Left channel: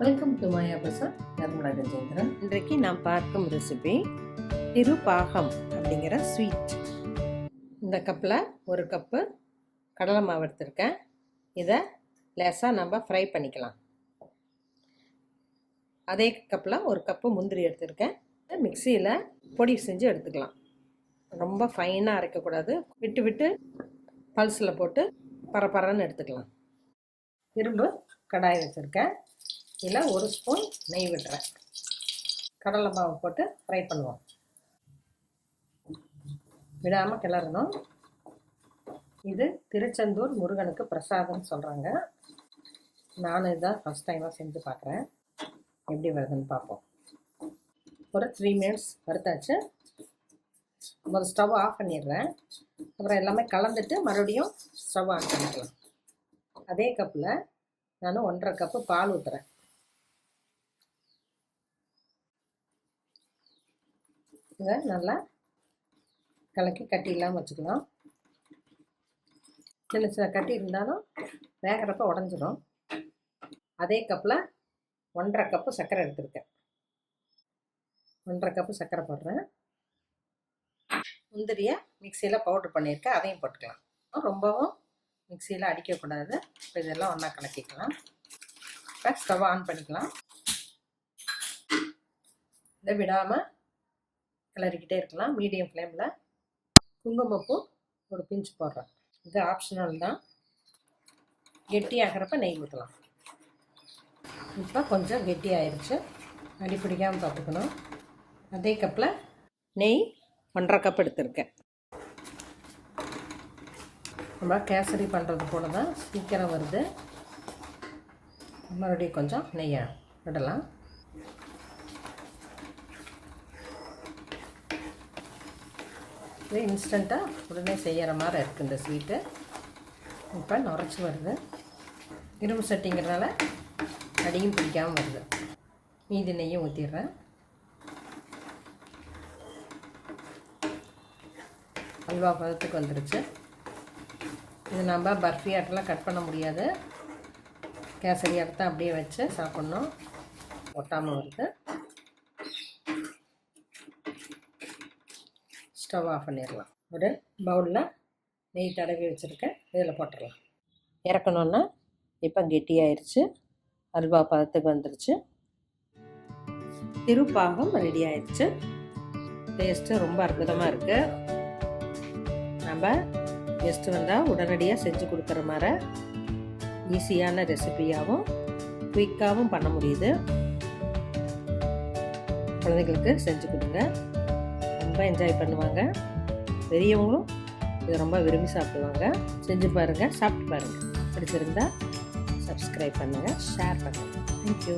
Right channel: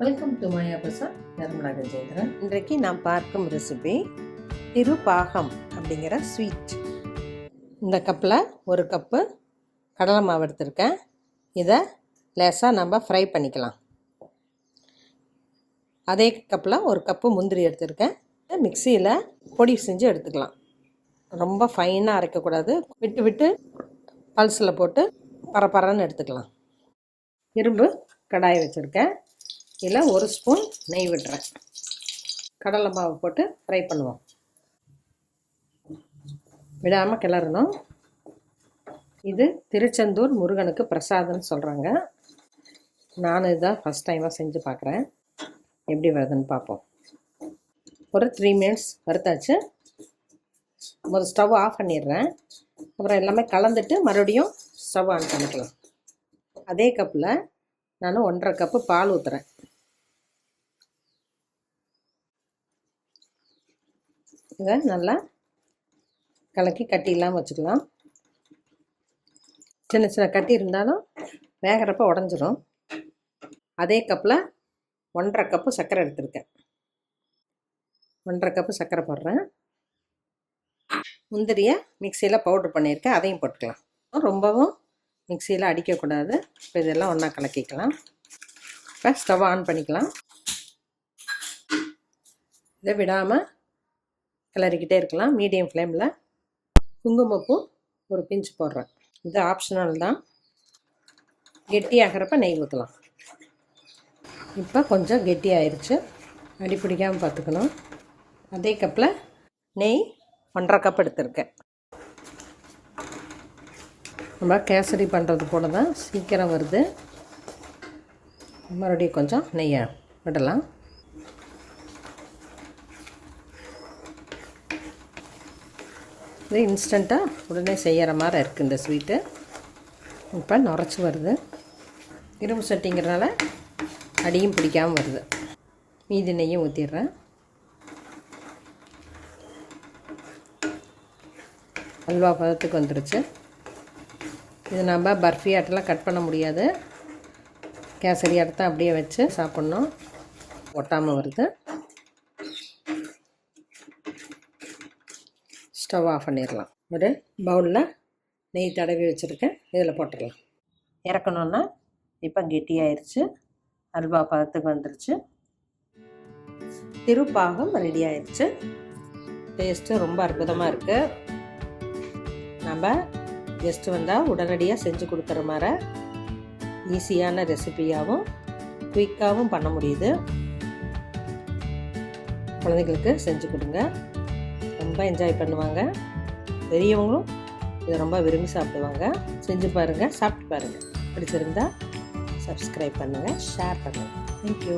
Welcome to Maya Prasad Nirmala Gajendran இன்றைக்கு நாம் பார்க்கும் ரெசிபி திருப்பாகம் அப்படிங்கிற ஸ்வீட் இந்த கப்பில் ஒரு கப்பு கடலை மாவு எடுத்திருக்கேன். இதை லேசாக நம்ம ஃப்ரை பண்ணிக்கலாம். அதே கப்பில் ஒரு கப்பு முந்திரி எடுத்திருக்கேன். மிக்சியில் பொடி செஞ்சு எடுத்துக்கலாம். ரொம்ப ஃபைனாக அரைக்கக்கூடாது. விட்டு விட்டு பல்ஸில் போட்டு பரப்பரன்னு எடுத்துக்கலாம். இரும்பு கடாய் வச்சுருக்கேன். இதில் ஒரு ஸ்பூன் நெய் விடுறேன். கடலை மாவு போட்டு ஃப்ரை பண்ணுவோம். விடாமல் கிளறணும். இது திருச்செந்தூர் முருகனுக்கு பிரசாதம்னு சொல்கிறாங்க நான் இதான் ஃபஸ்ட் டைமாக செஞ்சு பார்க்குறேன் எப்படி வருதுன்னு பார்ப்போம் ஒரு த்ரீ மினிட்ஸ் வறுத்தாச்சு. ஒரு ஸ்டவ் ஆஃப் பண்ணிடுறேன். அப்புறம் எல்லாமே கலந்துட்டு மறுபடியும் ஸ்டவ் ஆன் பண்ணிக்கலாம். அதே கப்பில் நான் ஒன்றரை கப்பு பால் ஊற்றுறேன் இதை நல்லா கலக்கி கட்டி இல்லாமல் வச்சுக்கலாம். சின்ன சின்ன கட்டி இருந்தாலும் வேகிறப்ப உடஞ்சிரும். அதே கப்பில் ஒன்றரை கப்பு சர்க்கரை எடுத்திருக்கேன். ஒன்றரை கப்பு சர்க்கரை போடுறேன். முந்திரியை மிக்சியில் பவுட்ரு பண்ணியிருக்கேன். அதையும் போட்டுக்கலாம். ரொம்பவும் மிக்சியில் அடிக்கக்கூடாது. இப்போ இதெல்லாம் ஒன்றா கலக்கிக்கலாம். இப்போ ஸ்டவ் ஆன் பண்ணிக்கலாம். இதை விடாமல் கிளறிக்கிட்டே இருக்கலாம். மீடியம் ஃப்ளேமில் குங்குமப்பூ ஒரு பிஞ்சு போடுறேன். இது ஆப்ஷனல் தான். கெட்டியாகிறப்ப நெய் ஊற்றலாம் இப்போ கொஞ்சம் கெட்டி ஆயிடுச்சு அடி பிடிக்காமல் பார்த்துக்கணும் அதே கப்பில் நெய் ஒன்றரை கப் எடுத்திருக்கேன். நம்ம கேசரி பண்ணுறது போல தான் சீக்கிரம் வருது. மறுபடியும் கொஞ்சம் நெய்யை விடலாம். இது இன்ஸ்டண்ட்டாக உடனே செய்கிற மாதிரி இருக்குது இந்த ஸ்வீட்டு இப்போ நுரைச்சி வருது. இரும்பு சட்டிங்கிறனால அடியும் பிடிக்காமல் வருது. மீதி நெய்யும் ஊற்றிடுறேன் அல்வா பதத்துக்கு வந்துடுச்சு இது நம்ம பர்ஃபி ஆட்டெல்லாம் கட் பண்ண முடியாது. கேசரி ஆட்டத்தை அப்படியே வச்சு சாப்பிட்ணும். ஒட்டாமல் வருது. ஸ்டவ் ஆஃப் பண்ணிடலாம். ஒரு பவுலில் நெய் தடவி வச்சுருக்கேன். இதில் போட்டுடலாம். இறக்கணுன்னா இப்போ கெட்டியாயிருச்சு அல்வா பதத்துக்கு வந்துருச்சு. திருப்பாகம் ரெடி ஆயிடுச்சு டேஸ்ட்டு ரொம்ப அற்புதமாக இருக்குது நம்ம கெஸ்ட்டு வந்தால் உடனடியாக செஞ்சு கொடுக்குற மாதிரி ஈஸியான ரெசிபியாகவும் குயிக்காகவும் பண்ண முடியுது. குழந்தைங்களுக்கு செஞ்சு கொடுங்க. ரொம்ப என்ஜாய் பண்ணுவாங்க. பெரியவங்களும் இதை ரொம்ப விரும்பி சாப்பிடுவாங்க. செஞ்சு பாருங்கள் சாப்பிட்டு பாருங்கள் பிடிச்சிருந்தா சப்ஸ்கிரைப் பண்ணுங்கள் ஷேர் பண்ணுங்கள் தேங்க்யூ